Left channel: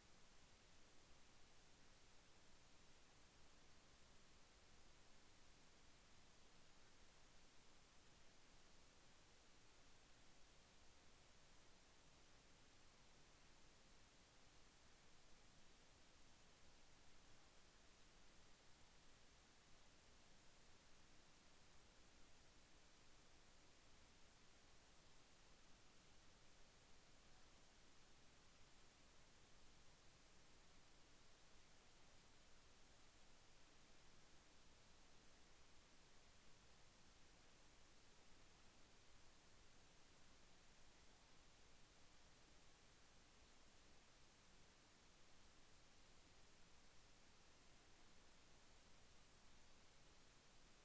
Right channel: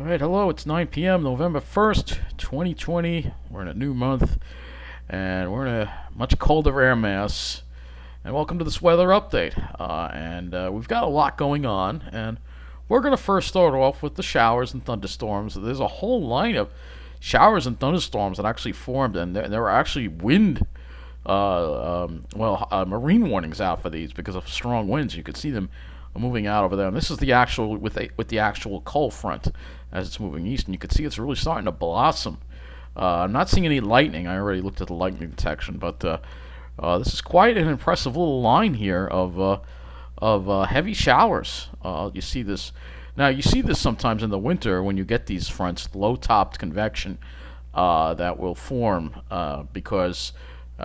All right, hello. It's 9 p.m. November 1st, 2020. We're in a new month, and we're in a much colder air mass. And welcome to this weather update. We've got a lot going on, and we're going to first start off with the showers and thunderstorms. There's a whole line of showers and thunderstorms that actually formed, and there were actually marine warnings out for these because of strong winds. You could see them moving out over there, and this is the actual with the actual cold front as it's moving east, and you can see it's really starting to blossom. I'm not seeing any lightning. I already looked at the lightning detection, but this is quite an impressive little line here of heavy showers. You see this now. You see this sometimes in the winter when you get these fronts, low-topped convection that will form because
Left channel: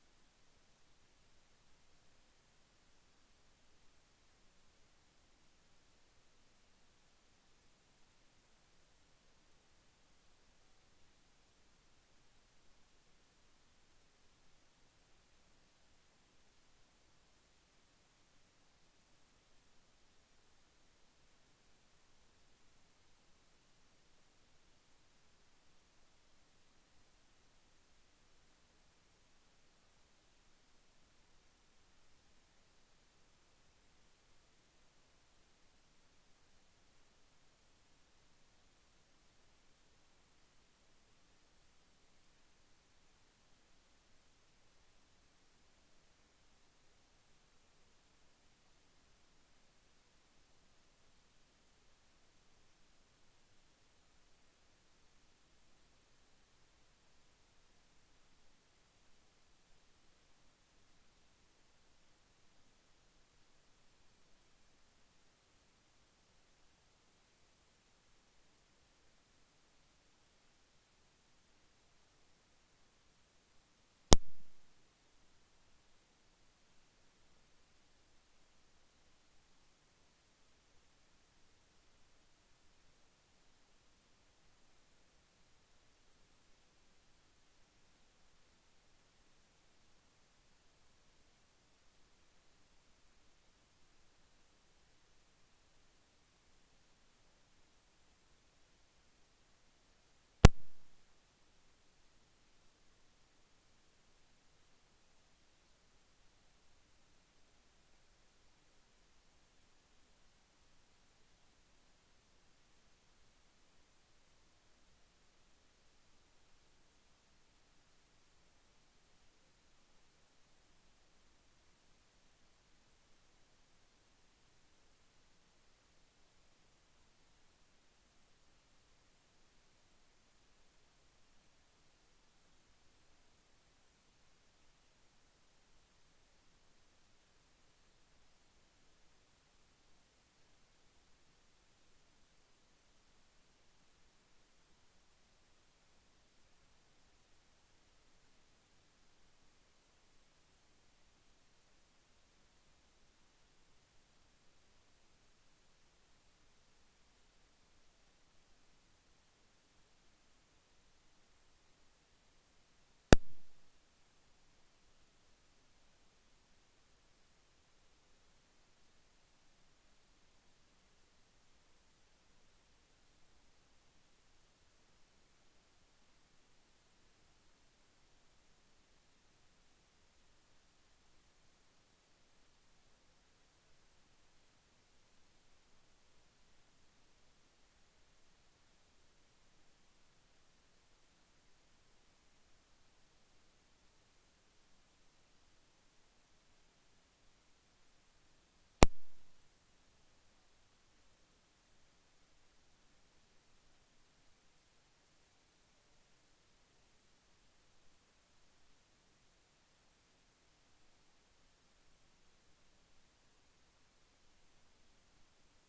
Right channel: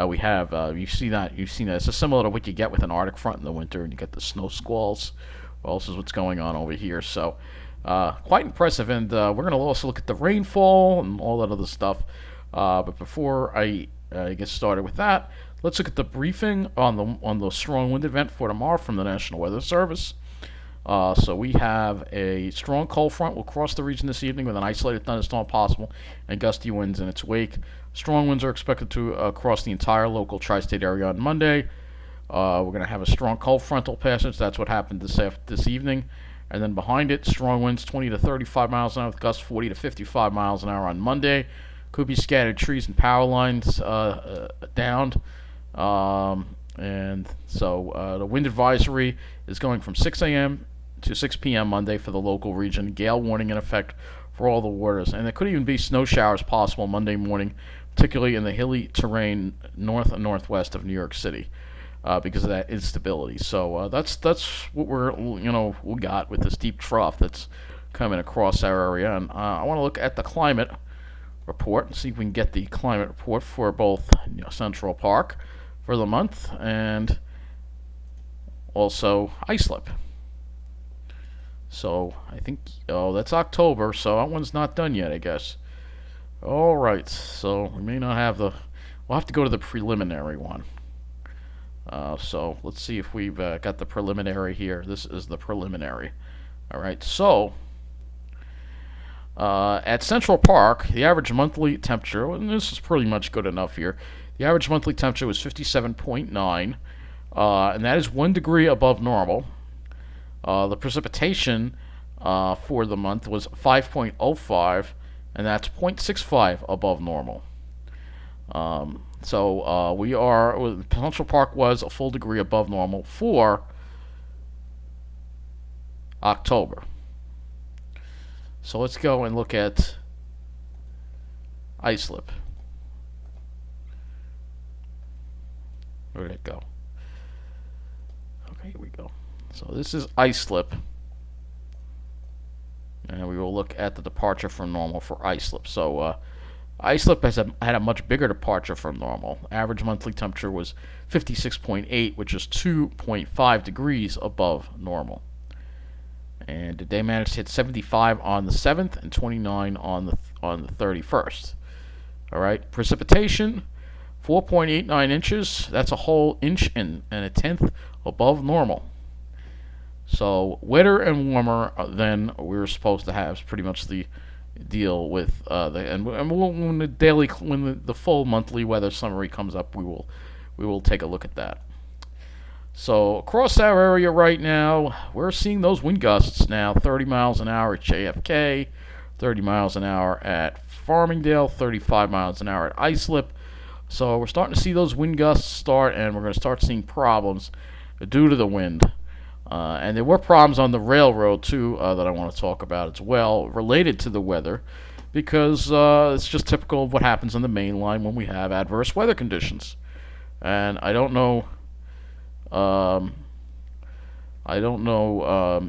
we have you've seen that. It's similar to what you get with an Arctic front in the winter, and you get the snow squalls. Well, this is what's going on over here. So quite impressive, and we're going to also look at the rainfall and all that other stuff. But before I get started with that, let's look at the briefing on the strong wind event for tomorrow from the National Weather Service. So we have a strong cold front will cross the region this evening with an isolated thunderstorm possible and gusty winds in its wake. Strong winds are expected to cross the entire local tri-state area on Monday. We're going to have a strong cold frontal passage. That's what happened this evening. And then behind it, strong winds 20 to 35 miles an hour with gusts 40 to 55 miles an hour on Monday. Could be scattered trees and power lines downed. And so the wind advisory is going from 6 a.m. to 6 p.m. Monday for the local region. Gale warning in effect for all the waters. And there could even be snow showers possible Monday morning, particularly in the hilly terrain north and northwest of New York City because of that instability. So that's what we got with this deep trough that's coming across our area. And I want to look at the climate report and see if we can get the climate report for both Central Park for the month and also Islip. So I think that's October, so that one's not done yet, I guess. All right, so we may not have we'll have to go to the preliminary one. So let's see if we've got the preliminary here. This is the preliminary. All right, so at Central Park, the average monthly temperature, and this is pretty much good enough here, the average monthly temperature was 57.9, and that is 1 degree above normal. The precipitation for the month was 5.05, and that's 0.65 above normal. Central Park was a full degree above normal for October. So let's go and look at Islip. Where did it go? Okay, here we go. So this is Islip. And we will look at the departure from normal for Islip. So Islip had a much bigger departure from normal. Average monthly temperature was 56.8, which is 2.5 degrees above normal. And they managed to hit 75 on the 7th and 29 on the 31st. All right, precipitation 4.89 inches. That's a whole inch and a tenth above normal. So wetter and warmer than we were supposed to have is pretty much the deal with when the full monthly weather summary comes up, we will take a look at that. So across our area right now, we're seeing those wind gusts now, 30 miles an hour at JFK, 30 miles an hour at Farmingdale, 35 miles an hour at Islip. So we're starting to see those wind gusts start, and we're going to start seeing problems due to the wind. And there were problems on the railroad, too, that I want to talk about as well, related to the weather, because it's just typical of what happens on the main line when we have adverse weather conditions. And I don't know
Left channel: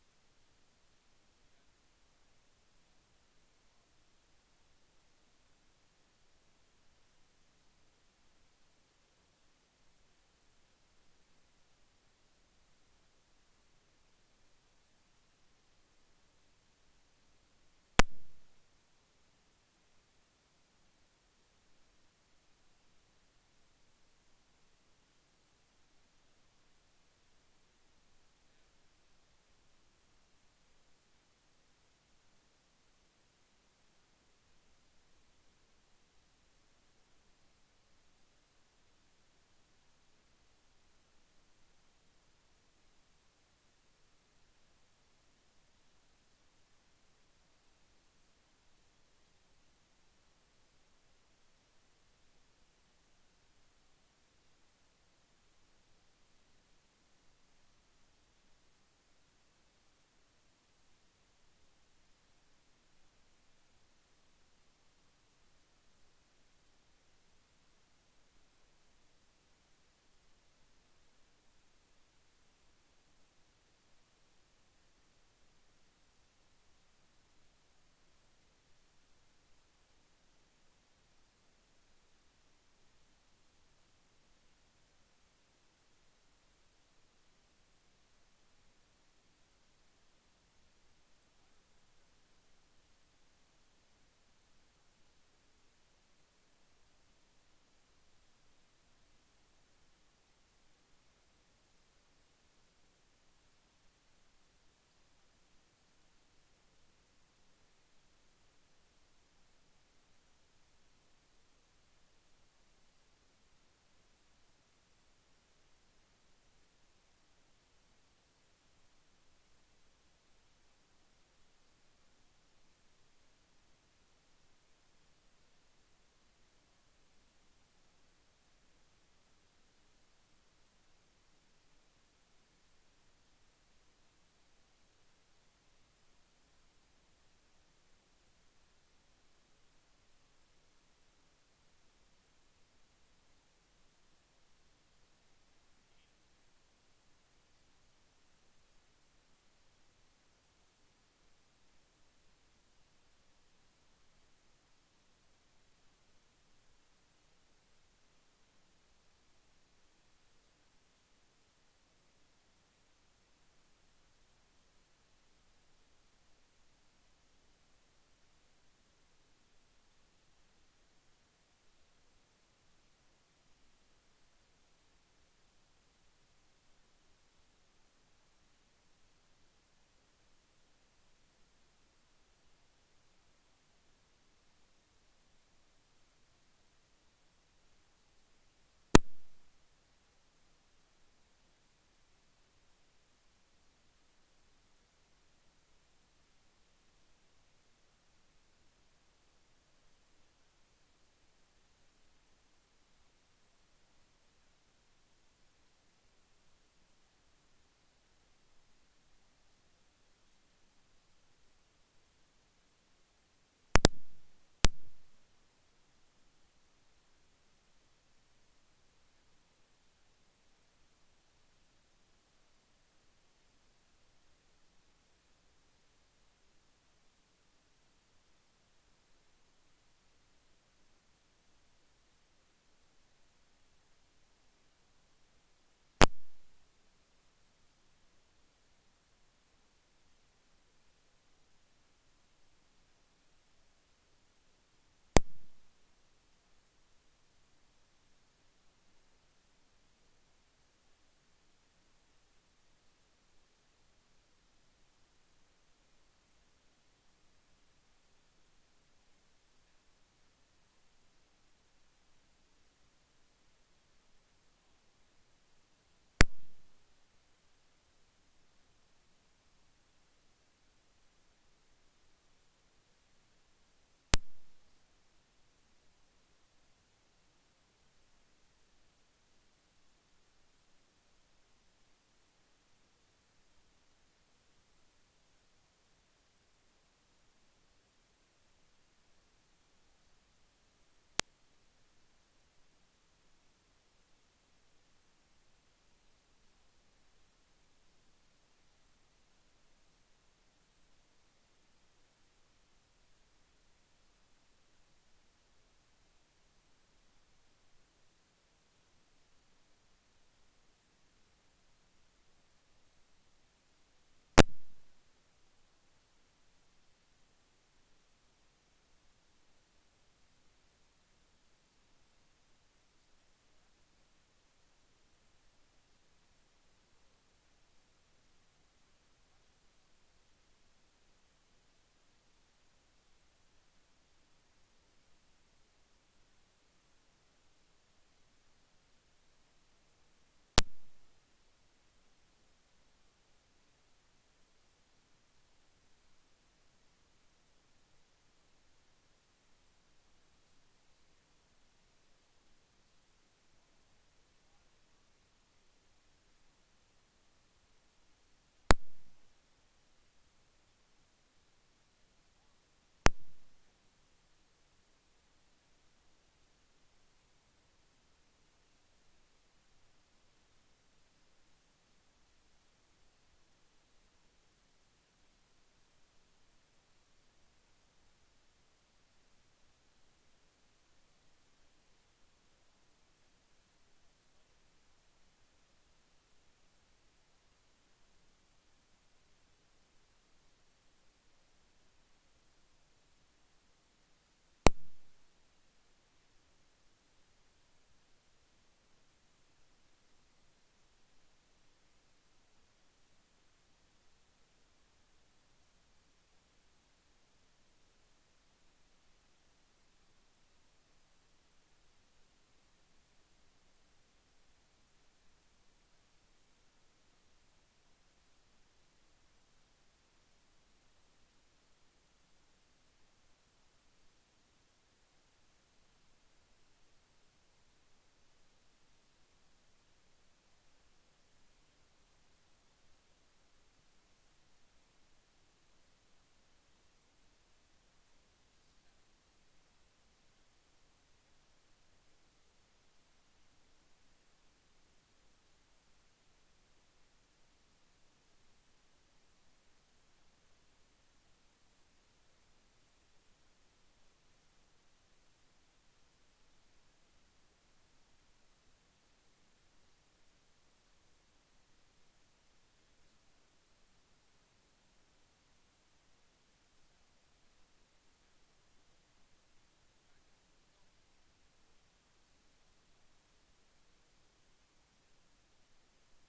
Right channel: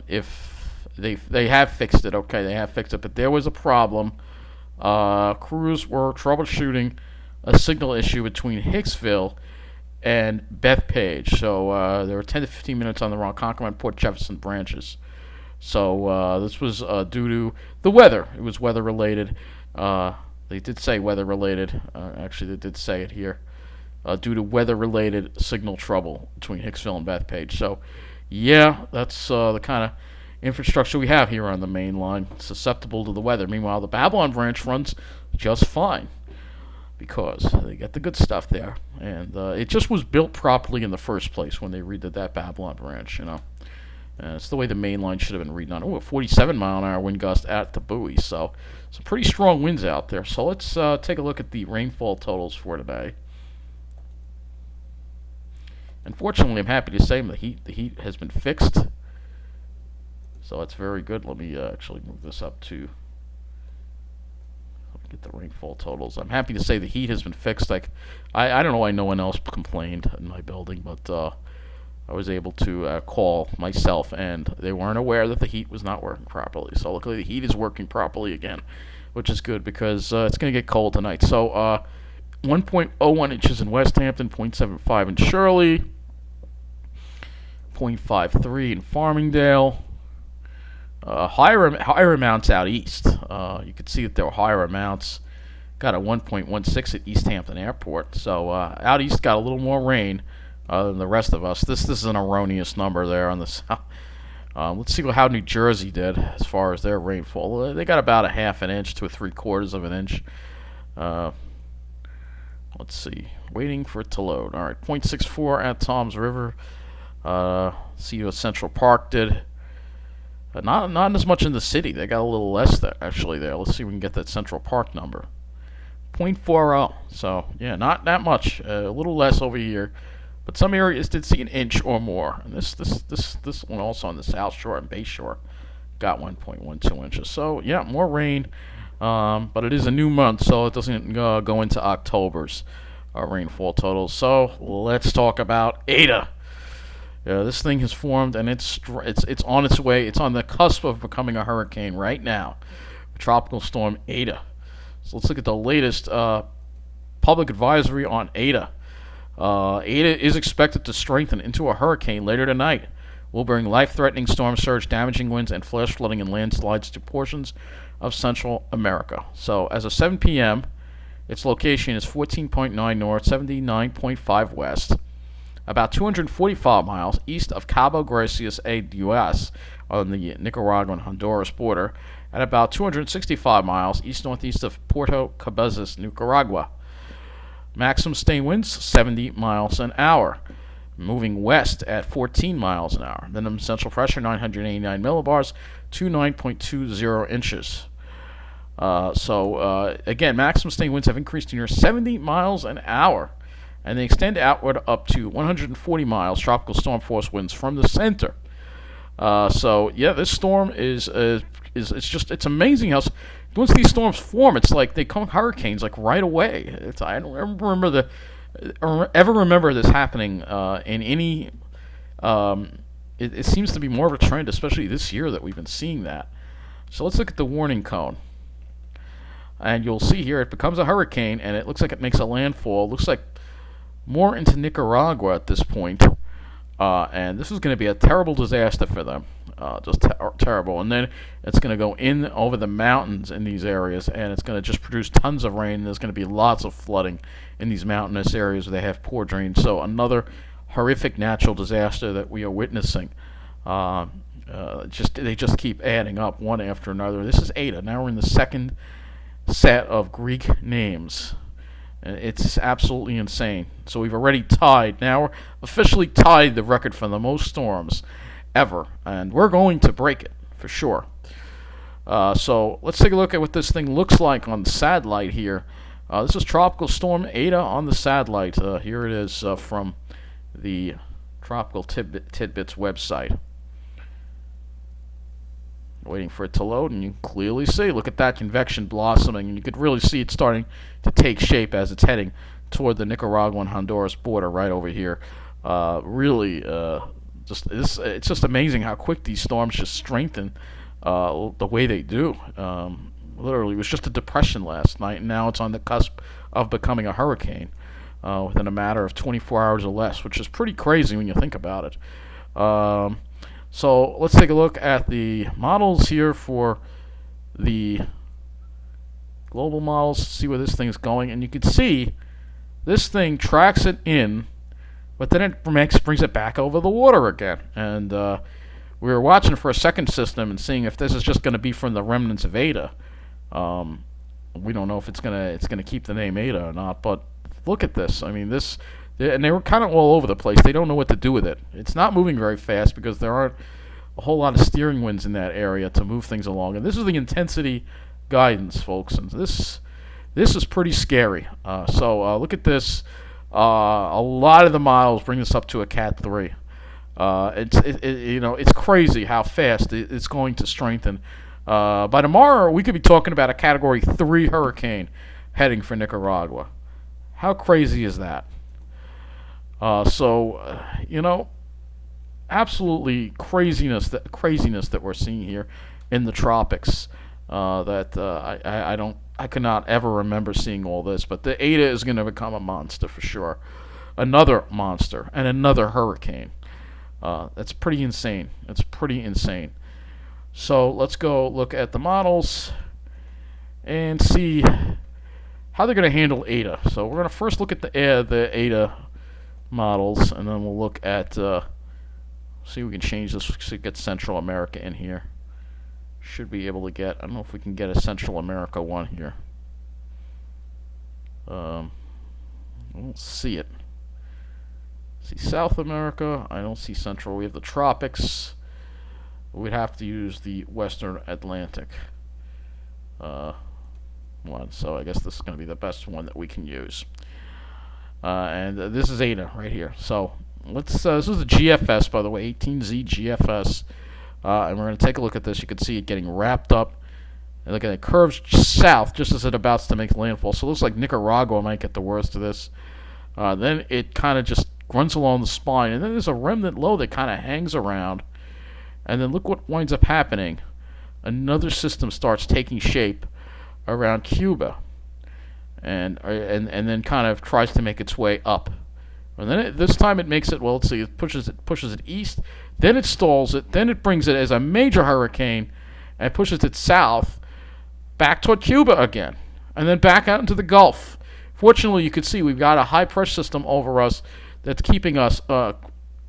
if they have fixed it. Okay, they have fixed it, but there was a problem. Crews were troubleshooting a signal issue between Hicksville and Bethpage. So there were 10 to 15 minutes on the Ronkonkoma and Port Jefferson branches. So this was due to the weather. It was weather related. They did say weather related. Actually, they did say it here. Due to weather related signal trouble between Hicksville and Bethpage. So yeah, that's the kind of infrastructure we have here on the main line, susceptible to the weather. Meanwhile, the Babylon branch runs just fine because they get the good stuff there, and it just was built properly in the first place when they redid that Babylon branch. It's the way the main line should have been redone. Oh, a 47-mile-an-hour wind gust at the buoy, so some pretty strong winds out there. So let's take a look at the rainfall totals for today. Unfortunately, I'm happy to say the heat has been fixed, so that's very good. Let me actually move this up to get the rainfall totals. I'm happy to say the heat has been fixed. I don't know why no one else complained in my building, but I was able to call myself, and they weren't aware that the heat was not working properly. So luckily the heat is working properly again, which is good because it's going to get cold tonight. So 1.01 inches in West Hampton, 0.75 in Shirley, 0.53 in Farmingdale. Higher amounts out east. You could see that there were higher amounts. Got a 1.16 at East Hampton Airport. So out east got a little more rain than the rest of us. This is an erroneous number there on the south. Let's see how New Jersey did as far as their rainfall. They got about a half an inch to a 3/4 of an inch. Let's see. Waiting for it to load. All right, 0.64 at Toms River. See what Central Park did. Not as much in the city. They got a little less there, actually, there. Let's see if we can get that Central Park number. 0.40. So, yeah, not that much. A little less over here. But some areas did see an inch or more. And this one also on the South Shore and Bay Shore got 1.12 inches. So, yeah, more rain. But it is a new month, so it doesn't go into October's rainfall totals. So, let's talk about Eta. This thing has formed, and it's on its way. It's on the cusp of becoming a hurricane right now. Tropical Storm Eta. So let's look at the latest public advisory on Eta. Eta is expected to strengthen into a hurricane later tonight. Will bring life-threatening storm surge, damaging winds, and flash flooding and landslides to portions of Central America. So as of 7 p.m., its location is 14.9 north, 79.5 west. About 245 miles east of Cabo Gracias U.S. on the Nicaragua and Honduras border, and about 265 miles east-northeast of Puerto Cabezas, Nicaragua. Maximum sustained winds, 70 miles an hour, moving west at 14 miles an hour. Minimum central pressure, 989 millibars to 9.20 inches. Again, maximum sustained winds have increased to near 70 miles an hour, and they extend outward up to 140 miles tropical storm force winds from the center. This storm it's amazing how once these storms form, it's like they come hurricanes like right away. I don't ever remember this happening in any. It seems to be more of a trend, especially this year, that we've been seeing that. So let's look at the warning cone. And you'll see here it becomes a hurricane, and it looks like it makes a landfall. It looks like more into Nicaragua at this point. And this is going to be a terrible disaster for them. Terrible. And then it's going to go in over the mountains in these areas, and it's going to just produce tons of rain. There's going to be lots of flooding in these mountainous areas where they have poor drains. So another horrific natural disaster that we are witnessing. They just keep adding up one after another. This is Eta. Now we're in the second set of Greek names. It's absolutely insane. So we've already now officially tied the record for the most storms ever, and we're going to break it for sure. So let's take a look at what this thing looks like on the satellite here. This is Tropical Storm Eta on the satellite. Here it is from the Tropical Tidbits website. Waiting for it to load, and you can clearly see, look at that convection blossoming, and you could really see it starting to take shape as it's heading toward the Nicaragua and Honduras border right over here. It's just amazing how quick these storms just strengthen the way they do. Literally, it was just a depression last night, and now it's on the cusp of becoming a hurricane within a matter of 24 hours or less, which is pretty crazy when you think about it. So let's take a look at the models here for the global models, see where this thing's going, and you can see this thing tracks it in, but then it brings it back over the water again. And we were watching for a second system and seeing if this is just going to be from the remnants of Eta. Um, we don't know if it's gonna keep the name Eta or not, but look at this. I mean, this, and they were kind of all over the place. They don't know what to do with it. It's not moving very fast because there aren't a whole lot of steering winds in that area to move things along. And this is the intensity guidance, folks, and this is pretty scary. So look at this. A lot of the models bring this up to a Cat 3. It's crazy how fast it's going to strengthen. By tomorrow, we could be talking about a Category 3 hurricane heading for Nicaragua. How crazy is that? Absolutely craziness that we're seeing here in the tropics. I could not ever remember seeing all this. But the Eta is going to become a monster for sure. Another monster and another hurricane. That's pretty insane. It's pretty insane. So let's go look at the models and see how they're going to handle Eta. So we're going to first look at the Eta models, and then we'll look at, see if we can change this to get Central America in here. Should be able to get, I don't know if we can get a Central America one here. I don't see it. See South America, I don't see Central. We have the tropics. We'd have to use the Western Atlantic one. So I guess this is going to be the best one that we can use. And this is Eta right here. So let's. This is the GFS, by the way, 18Z GFS. And we're going to take a look at this. You can see it getting wrapped up. And look at it, curves south just as it about to make landfall. So it looks like Nicaragua might get the worst of this. Then it kind of just runs along the spine. And then there's a remnant low that kind of hangs around. And then look what winds up happening. Another system starts taking shape around Cuba. And then kind of tries to make its way up. And then this time it makes it, well, let's see, it pushes it east. Then it stalls it. Then it brings it as a major hurricane and pushes it south back toward Cuba again. And then back out into the Gulf. Fortunately, you can see we've got a high pressure system over us that's keeping us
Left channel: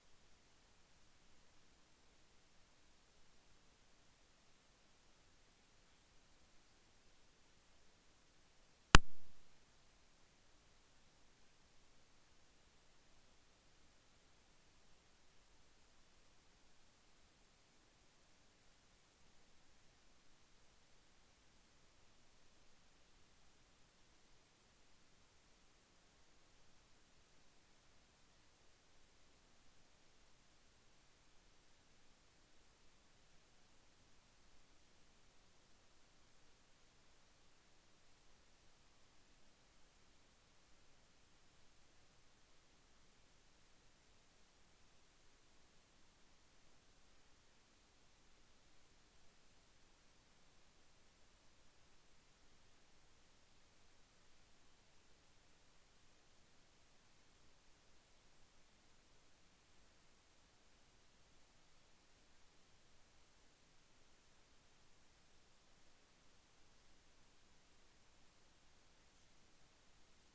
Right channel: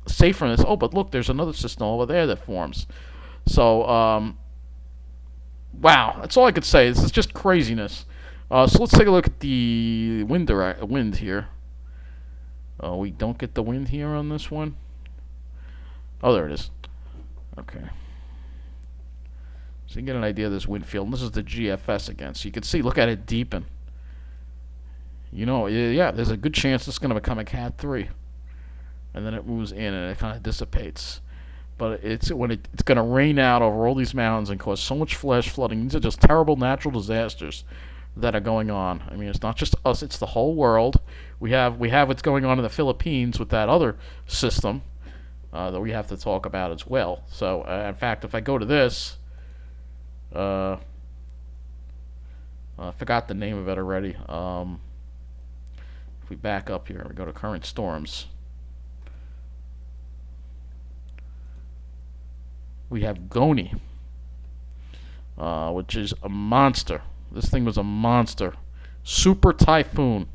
safe from this. Oh, but look, there's another system over there that forms. So, wow, that's all I could say. This is just craziness. So let's take a look at the wind here. We don't get the wind here on this one. Oh, there it is. Okay. So you get an idea of this wind field. And this is the GFS again. So you can see, look at it deepen. You know, yeah, there's a good chance it's going to become a Cat 3. And then it moves in and it kind of dissipates. But it's going to rain out over all these mountains and cause so much flash flooding. These are just terrible natural disasters that are going on. I mean, it's not just us; it's the whole world. We have what's going on in the Philippines with that other system that we have to talk about as well. So, in fact, if I go to this, I forgot the name of it already. If we back up here, we go to current storms. We have Goni, which is a monster. This thing was a monster. Super Typhoon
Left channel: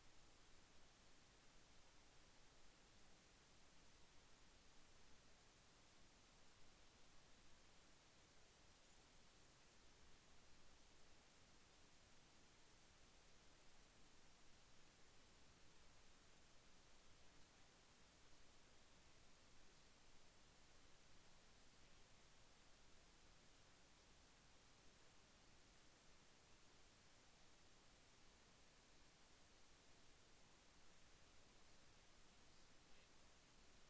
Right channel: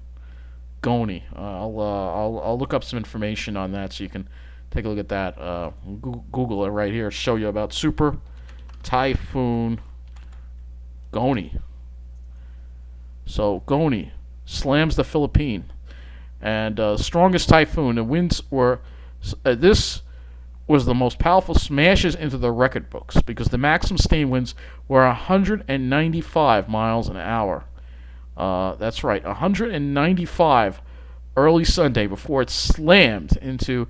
Goni. I'll look up some information on that so you can take a look at that. Google it right here. Show you about Super Typhoon Goni. So Goni slams the Philippine, and strongest typhoon. The winds were this was the most powerful smashes into the record books because the maximum sustained winds were 195 miles an hour. That's right, 195 early Sunday before it slammed into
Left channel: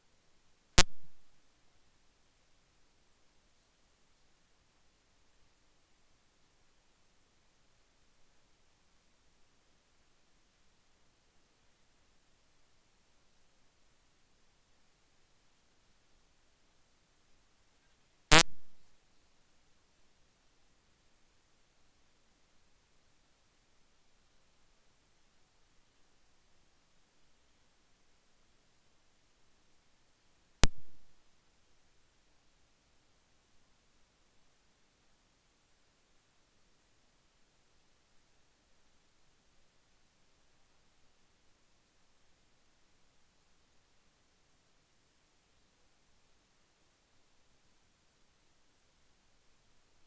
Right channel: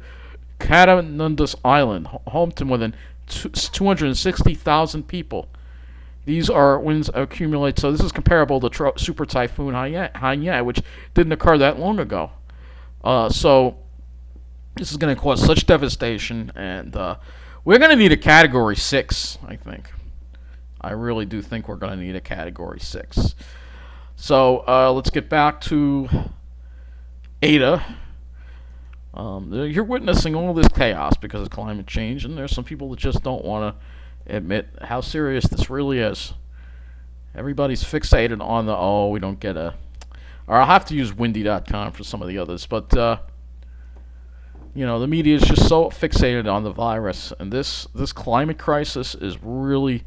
Catanundas Island, home to more than 260,000 people. These are winds accumulate, so this is comparable to Super Typhoon Haiyan, which didn't occur that long ago. So this is going to cause such devastation, and we're going to need a Category 6, I think. I really do think we're going to need a Category 6. So let's get back to Eta. You're witnessing all this chaos because of climate change, and there's some people that just don't want to admit how serious this really is. Everybody's fixated on the, we don't get a... Or I'll have to use windy.com for some of the others, but... the media is just so fixated on the virus, and this climate crisis is really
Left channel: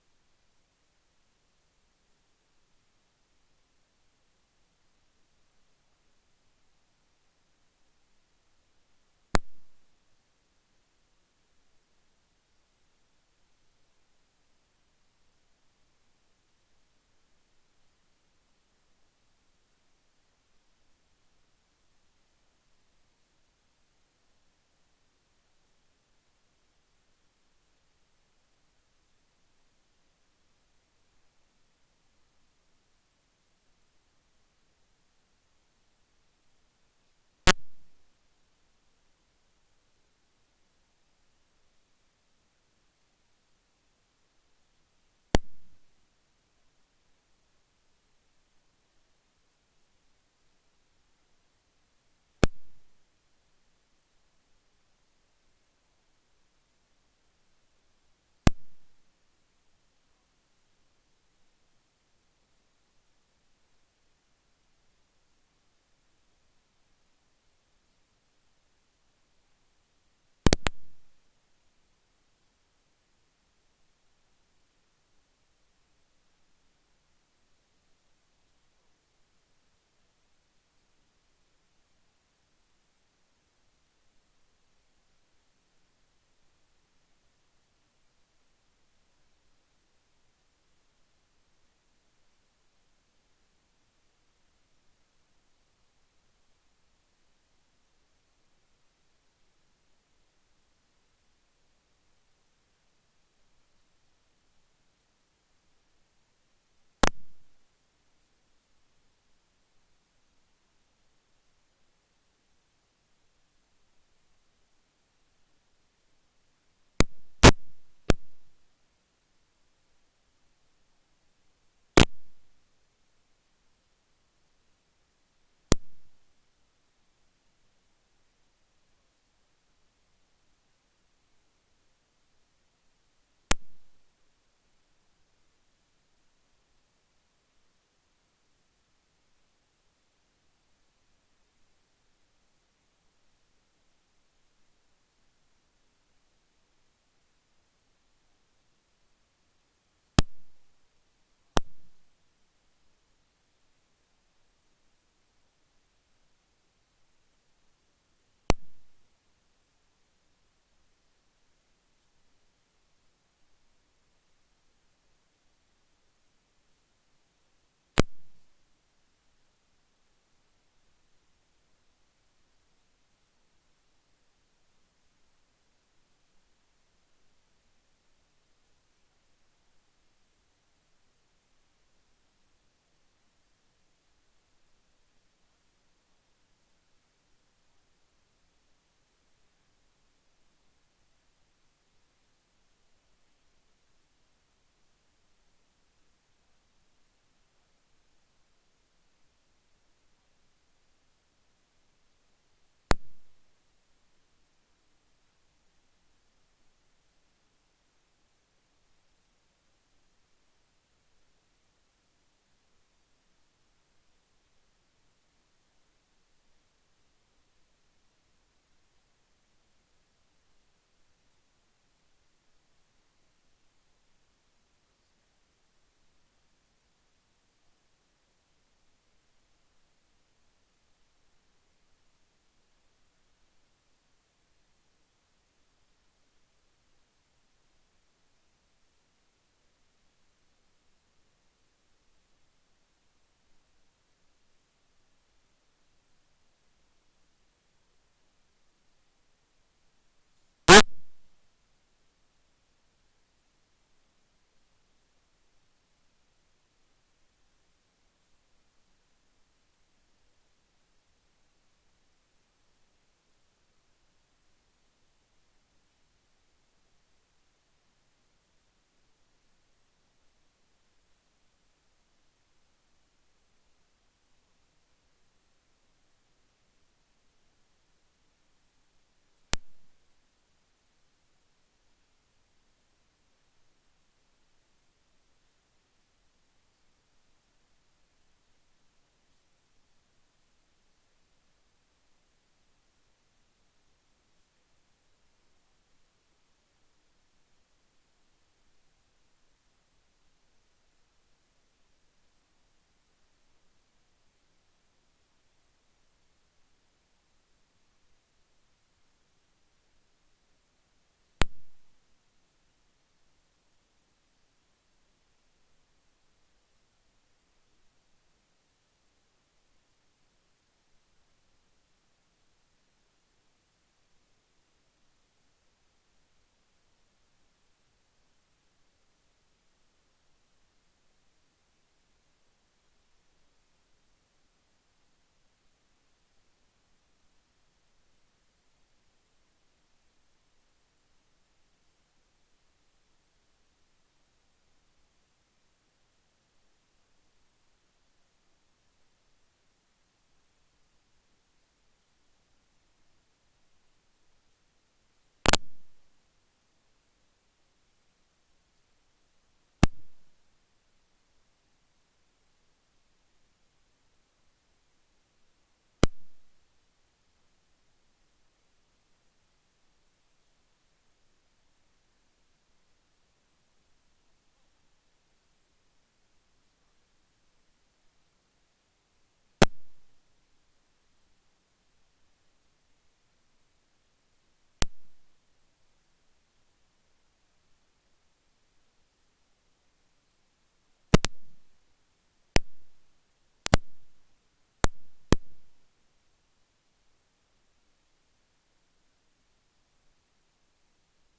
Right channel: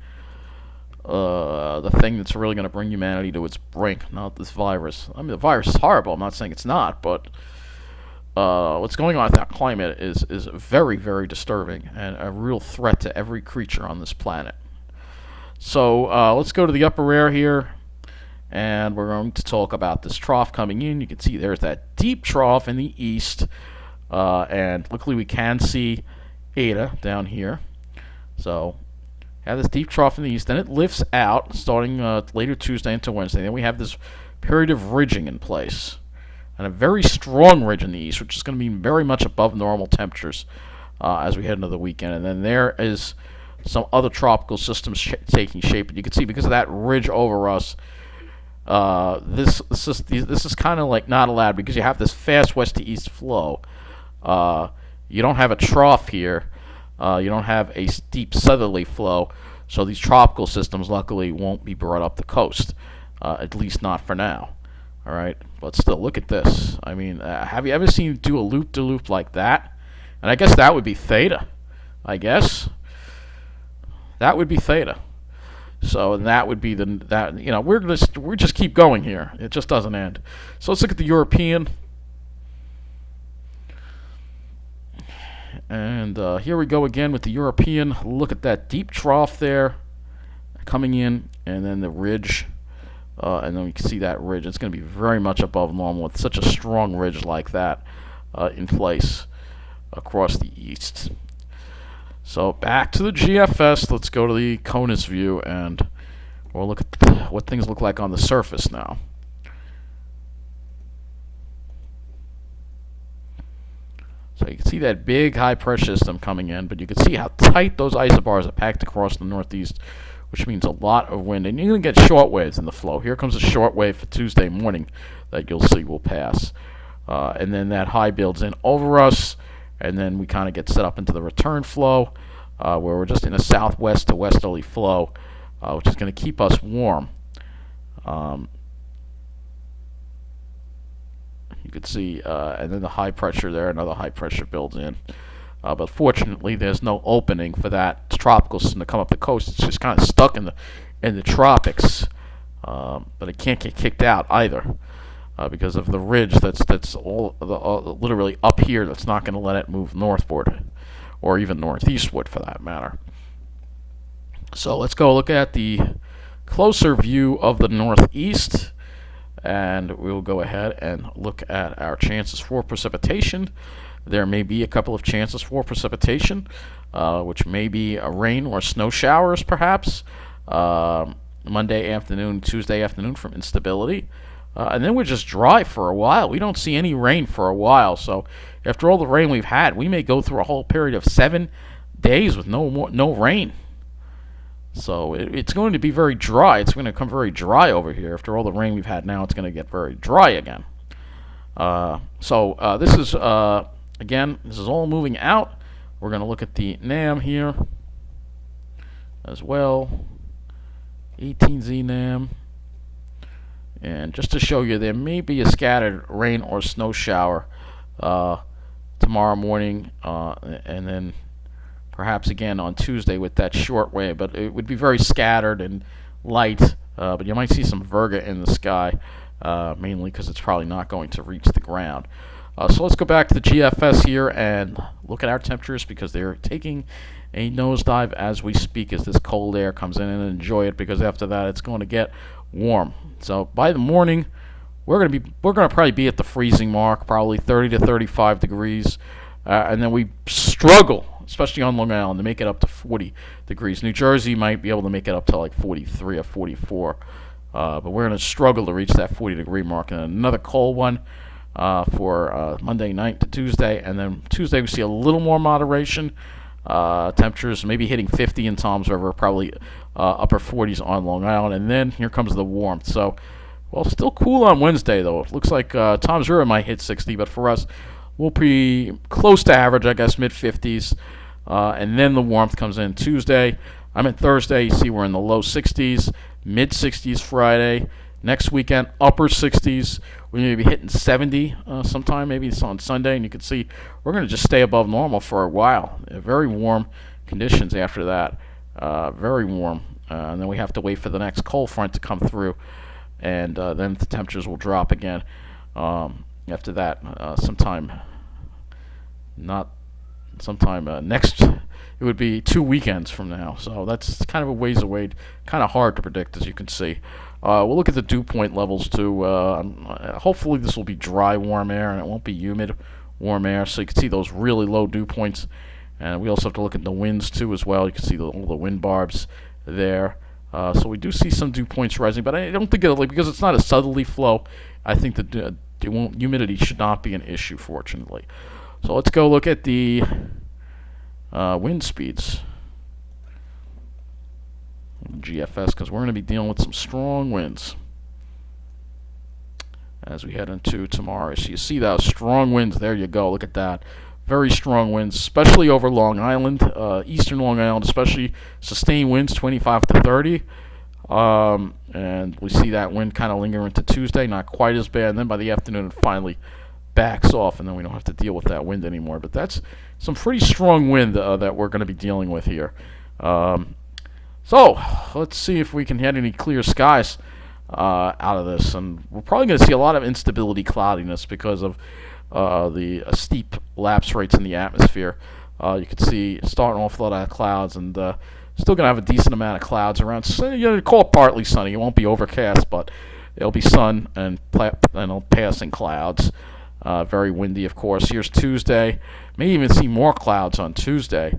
the thing that's really going to bring humanity to its brink, not this virus. I mean, the virus is horrible. I'm not saying it's not, but what's going on with that climate is very, very disturbing and a real threat to every creature on this planet. So let's go to the upper air here, and we're going to talk about this trough coming in. You can see there's that deep trough in the east, and luckily we can see Eta down here. So have this deep trough in the east, then it lifts out starting later Tuesday into Wednesday. Then we have this period of ridging in place, and a very strong ridge in the east, which is going to be very much above normal temperatures as we head into the weekend. And then there is some other tropical systems taking shape, and you can see because of that ridge over us, this is kind of like not allowed because you have this fast west to east flow. You don't have a trough here. You don't have a steep southerly flow, so these tropical systems luckily won't be brought up the coast, at least not for now. All right, but still, look at this. I mean, have you ever seen do a loop-de-loop like that? And I guess that would be theta. I guess that would be theta. So that would be we're just keep going here. It just doesn't end. So let's look at the European. And here we go again with the European. Look at that deep trough there coming in, and then the ridge. And then we can see that ridge. It's going to be very much above normal with such a strong ridge like that in place across the east. So back to the GFS. Let's go to the CONUS view, and we'll look at what things look like on the surface now. So you can see that big high pressure system coming in, but you can see how tight those isobars are packed across the northeast, which means a lot of wind. And you're going to get short waves in the flow. Here comes a short wave for Tuesday morning that you'll see will pass. And then that high builds in over us, and then we kind of get set up into the return flow, where we're just in a southwest to westerly flow, which is going to keep us warm. You can see, and then the high pressure there, another high pressure builds in. But fortunately, there's no opening for that tropical system to come up the coast. It's just kind of stuck in the tropics, but it can't get kicked out either because of the ridge that's all literally up here. That's not going to let it move northward, or even northeastward for that matter. So let's go look at the closer view of the northeast. And we'll go ahead and look at our chances for precipitation. There may be a couple of chances for precipitation, which may be a rain or snow showers, perhaps, Monday afternoon, Tuesday afternoon from instability. And then we're just dry for a while. We don't see any rain for a while. So after all the rain we've had, we may go through a whole period of 7 days with no rain. So it's going to be very dry. It's going to come very dry over here. After all the rain we've had now, it's going to get very dry again. So this is, again, this is all moving out. We're going to look at the NAM here as well. 18Z NAM. And just to show you, there may be a scattered rain or snow shower tomorrow morning, and then perhaps again on Tuesday with that short wave, but it would be very scattered and light, but you might see some virga in the sky, mainly because it's probably not going to reach the ground. So let's go back to the GFS here and look at our temperatures, because they're taking a nosedive as we speak as this cold air comes in, and enjoy it, because after that it's going to get warm. So by the morning, we're going to probably be at the freezing mark, probably 30 to 35 degrees, and then we struggle, especially on Long Island, to make it up to 40 degrees. New Jersey might be able to make it up to like 43 or 44, but we're going to struggle to reach that 40-degree mark. And another cold one for Monday night to Tuesday, and then Tuesday we see a little more moderation. Temperatures maybe hitting 50 in Toms River, probably upper 40s on Long Island, and then here comes the warmth. So, well, still cool on Wednesday, though. It looks like Toms River might hit 60, but for us, we'll be close to average, I guess, mid-50s. And then the warmth comes in Tuesday. Thursday, you see we're in the low 60s, mid-60s Friday, Next weekend, upper 60s. We may be hitting 70 sometime, maybe it's on Sunday, and you can see we're going to just stay above normal for a while. Very warm conditions after that, very warm. And then we have to wait for the next cold front to come through, and then the temperatures will drop again. After that, sometime next, it would be 2 weekends from now. So that's kind of a ways away, kind of hard to predict, as you can see. We'll look at the dew point levels too. Hopefully this will be dry warm air and it won't be humid warm air, so you can see those really low dew points. And we also have to look at the winds too as well. You can see all the wind barbs there. So we do see some dew points rising, but I don't think it'll, because it's not a southerly flow, I think that humidity should not be an issue, fortunately. So let's go look at the wind speeds. GFS, because we're going to be dealing with some strong winds as we head into tomorrow. So you see those strong winds. There you go. Look at that. Very strong winds, especially over Long Island, eastern Long Island, especially sustained winds 25 to 30. And we see that wind kind of linger into Tuesday, not quite as bad. And then by the afternoon, it finally backs off, and then we don't have to deal with that wind anymore. But that's some pretty strong wind that we're going to be dealing with here. So let's see if we can get any clear skies out of this. And we're probably going to see a lot of instability cloudiness because of the steep lapse rates in the atmosphere. You can see starting off a lot of clouds, and still going to have a decent amount of clouds around. So, you know, call it partly sunny. It won't be overcast, but it'll be sun and passing clouds. Very windy, of course. Here's Tuesday. May even see more clouds on Tuesday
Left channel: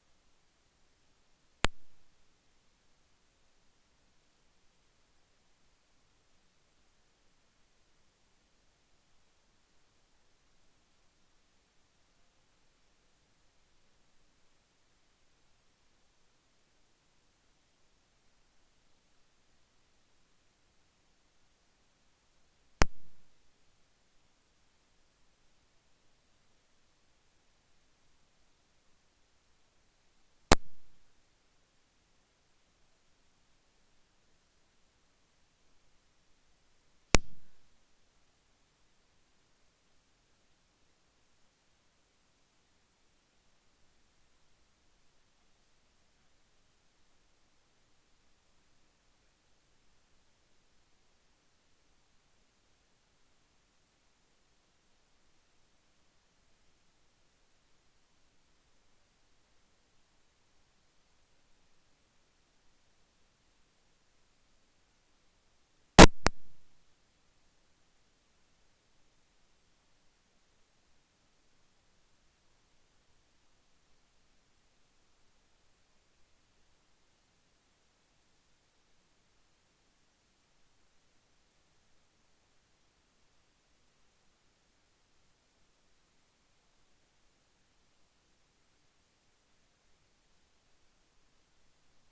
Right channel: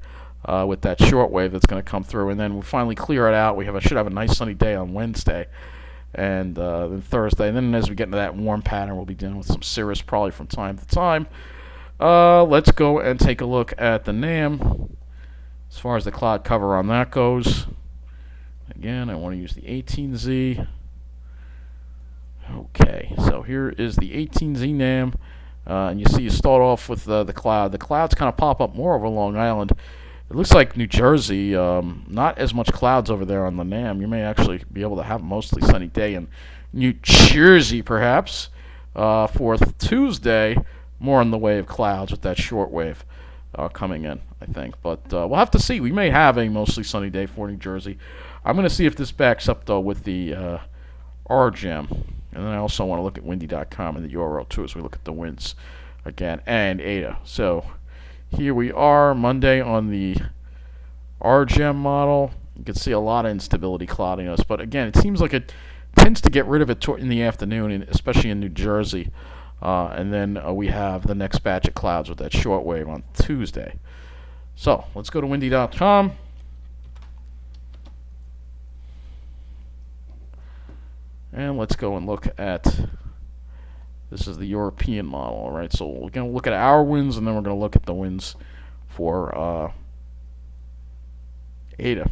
with that short wave that's going to come through, and then we'll finally clear it out. We should have a nice sunny day on Wednesday, and then Thursday. And then as we get into that warm pattern, we'll be dealing with some cirrus probably from time to time. Let's go and take a look at the NAM as far as the cloud cover on that goes. Again, I want to use the 18Z. Okay, so here is the 18Z NAM. And you see you start off with the cloud. The clouds kind of pop up more over Long Island. It looks like New Jersey, not as much clouds over there on the NAM. You may actually be able to have a mostly sunny day in New Jersey, perhaps. For Tuesday, more in the way of clouds with that short wave coming in, I think. But we'll have to see. We may have a mostly sunny day for New Jersey. I'm going to see if this backs up, though, with the RGEM. And then I also want to look at windy.com and the URL, too, as we look at the winds again, and Eta. So here we are, Monday on the RGEM model. You can see a lot of instability clouding us. But again, it seems like it tends to get rid of it in the afternoon, especially in New Jersey. And then we have the next batch of clouds with that short wave on Tuesday. So let's go to windy.com. And let's go and look at, this is the European model, all right? So we're going to look at our winds, and then we're going to look at the winds for Eta.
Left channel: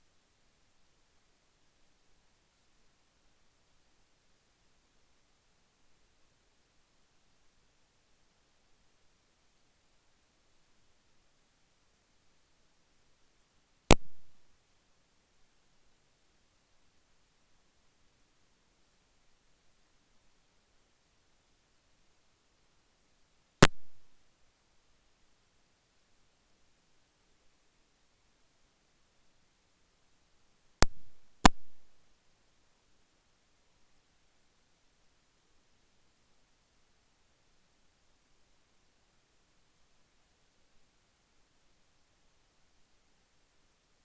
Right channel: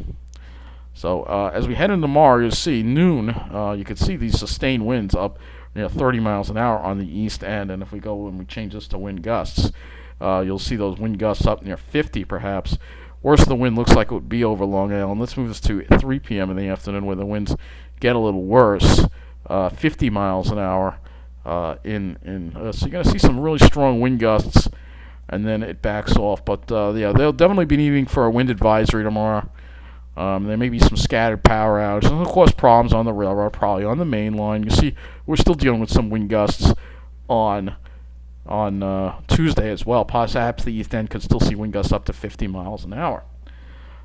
So as we head into tomorrow, you'll see noon, you can see these sustained winds up 30 miles an hour on the east end. And if we go and we change this to wind gusts, you'll see those wind gusts up near 50 perhaps. Worst the wind looks like it would be over Long Island. Let's move this to 3 p.m. in the afternoon where the winds get a little worse. 50 miles an hour so you're going to see some really strong wind gusts, and then it backs off. But yeah, they'll definitely be needing for a wind advisory tomorrow. There may be some scattered power outages, and of course problems on the railroad, probably on the main line. You see we're still dealing with some wind gusts on Tuesday as well. Perhaps the east end could still see wind gusts up to 50 miles an hour.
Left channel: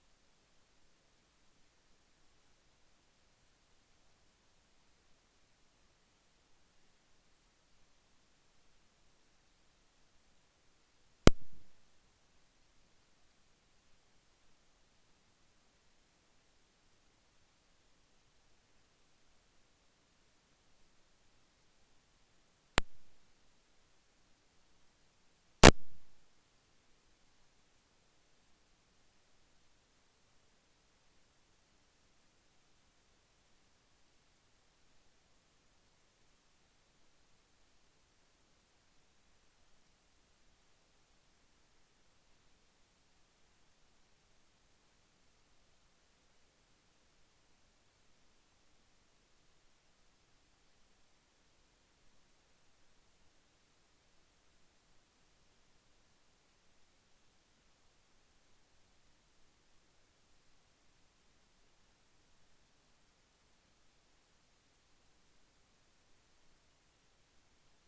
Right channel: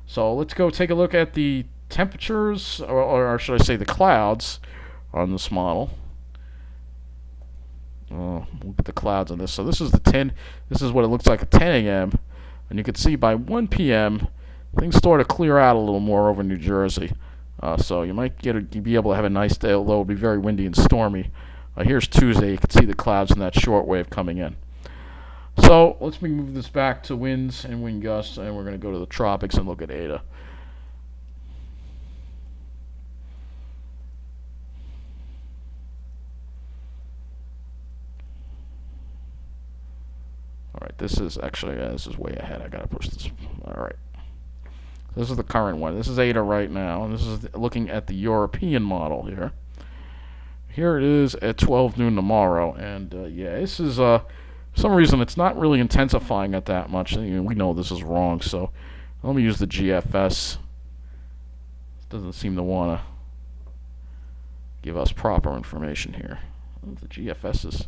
So let's go take a look at the temperatures, or should I say the clouds, on this model. Look at the clouds on this. So this is this is what it looks like at 10 a.m. And you can see by 1 p.m. things start to clear out a little more over New Jersey. So you might be able to have a nice day, although it'll be very windy and stormy. Here's Tuesday. You can see the clouds and that short wave coming in. So let's move this back to winds and wind gusts, and we're going to go to the tropics and look at Eta. Alright, this is way ahead. I gotta push this. Alright. This is the current one. This is Eta right now, and this is looking at the European model here. Here it is at 12 noon tomorrow, and yeah, this is for some reason it's not really intensifying it that much. We know this is wrong, so let me use the GFS. It doesn't seem to want to give us proper information here. The GFS is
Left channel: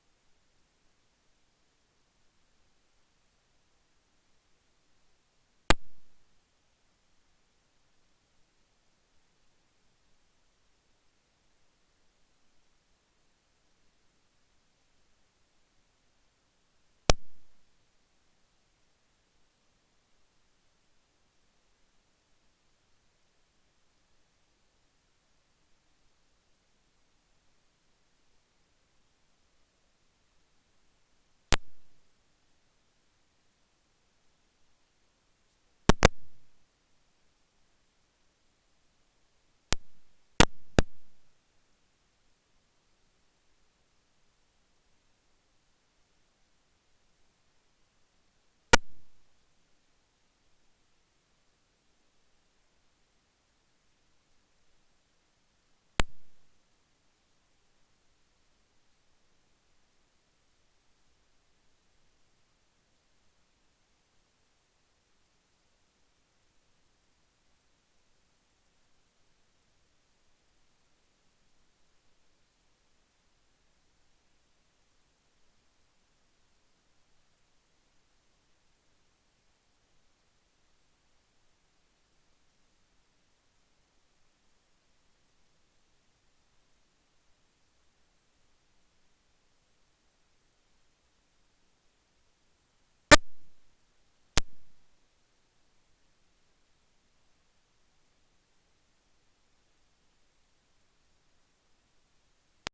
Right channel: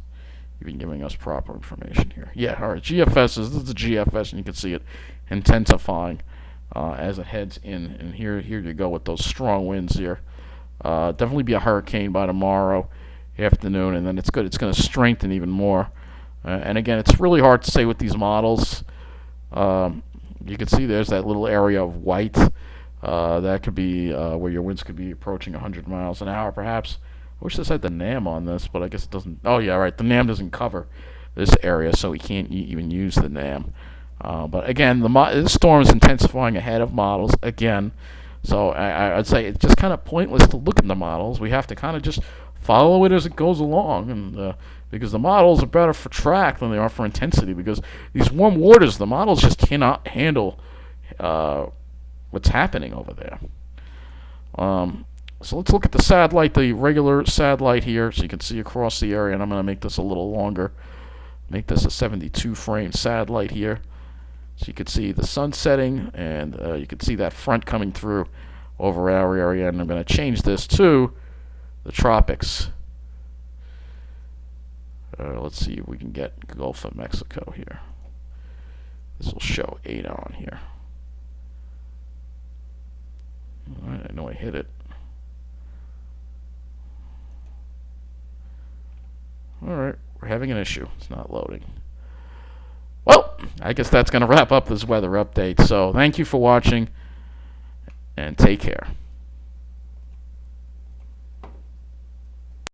even giving us proper information here. Yeah, all right. This is the GFS, and you can see it intensifying as it heads in. And here you go with those strong winds here. Definitely be a hurricane by tomorrow afternoon, and then it's good. It's going to strengthen even more. And again, it's really hard to say with these models. You can see there's that little area of white. That could be where your winds could be approaching 100 miles an hour, perhaps. I wish this had the NAM on this, but I guess it doesn't. Oh, yeah, right. The NAM doesn't cover this area, so we can't even use the NAM. But again, this storm is intensifying ahead of models again. So I'd say it's just kind of pointless to look at the models. We have to kind of just follow it as it goes along, and because the models are better for track than they are for intensity. Because these warm waters, the models just cannot handle what's happening over there. So let's look at the satellite, the regular satellite here, so you can see across the area. And I'm going to make this a little longer. Make this a 72 frame satellite here. So you can see the sun setting, and you can see that front coming through over our area. And I'm going to change this to the tropics. Let's see if we can get Gulf of Mexico here. This will show Eta on here. All right, I know I hit it. All right, we're having an issue. It's not loading. Well, I guess that's going to wrap up this weather update. So thank you for watching, and take care.